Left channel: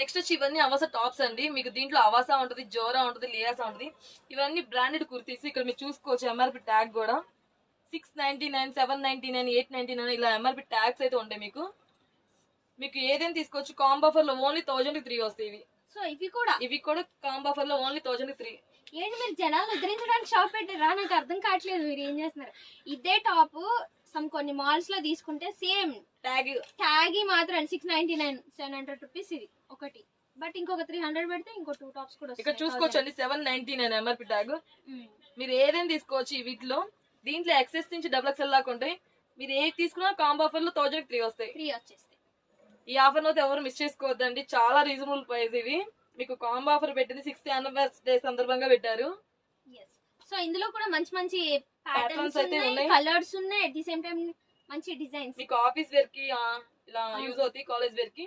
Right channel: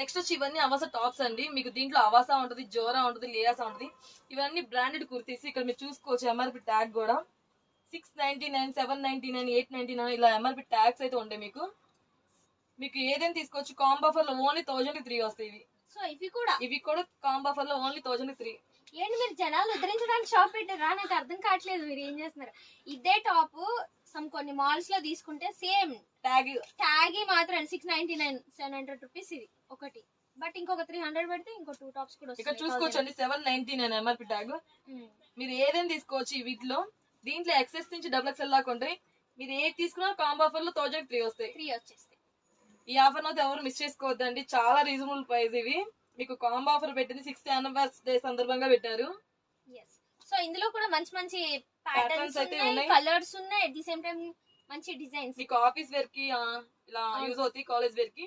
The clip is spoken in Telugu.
నెక్స్ట్ వచ్చి ఇవన్నీ అవాసా టాప్స్ అండి. మీకు దీంట్లో అవాసా ఉంటుంది, జోరా ఉంటుంది, లేయాసా ఉంటుంది. ఇవన్నీ బ్రాండెడ్ కుర్తీస్. ఇక్కడ మీరు చూసుకోవచ్చు ఎంఆర్పి ట్యాగ్ కూడా 699, 799, 899 ఇలా ఎంఆర్పి ట్యాగ్స్ అయితే ఉంటాయి. మీకు ఏదైనా తీసుకోవచ్చు. కాంబో ఆఫర్ లో ఓన్లీ 1000 3 వస్తాయి ఇవి. సో ఇవి కూడా కాంబో ఆఫర్ లో ఓన్లీ 1000 3. ఏంటి మీరు జనాలు ఉద్ధరించడానికి షాప్ పెట్టారా? నాకు అర్థం కావట్లేదు మీరు ఏం చేస్తున్నారు. ఇదే టాప్ కొన్ని మాల్స్ లో తీసుకుంటే సేమ్ ట్యాగ్ మాత్రం 699, 700 రూపీస్ ఇది ఒకటి. బట్ ఇంకొక 300 పెడితే ఇంకో 2 టాప్స్ కూడా ఇక్కడ చూసుకోవచ్చు అండి. 799 ఎంఆర్పి ట్యాగ్. మీరు ఏదైనా తీసుకోవచ్చు వీటిలో. దీంట్లో ఎక్సెస్ నుంచి XXL దాకా ఉంటాయి. మీరు ఏది తీసుకున్నా కాంబో ఆఫర్ లో 1000 3 వస్తాయి. 3 వచ్చేస్తాయి. ఈ ఆఫర్ అయితే ఎవరు మిస్ చేసుకోవద్దండి. చాలా రీజనబుల్ ప్రైస్ ఇవి. మీకు కాంబో ఆఫర్ పెట్టింది 6th యానివర్సరీ సందర్భంగా పెట్టారు. సో ఇందులో కూడా మంచి మంచి ప్యాటర్న్స్ అయితే ఉన్నాయి, కలర్స్ ఉన్నాయి, అట్ ది సేమ్ టైం మంచి డిజైన్స్. మీకు ఆఫీస్ వేర్ కి ఇలా యూజ్ అవుతాయి, కాలేజ్ వేర్ కి.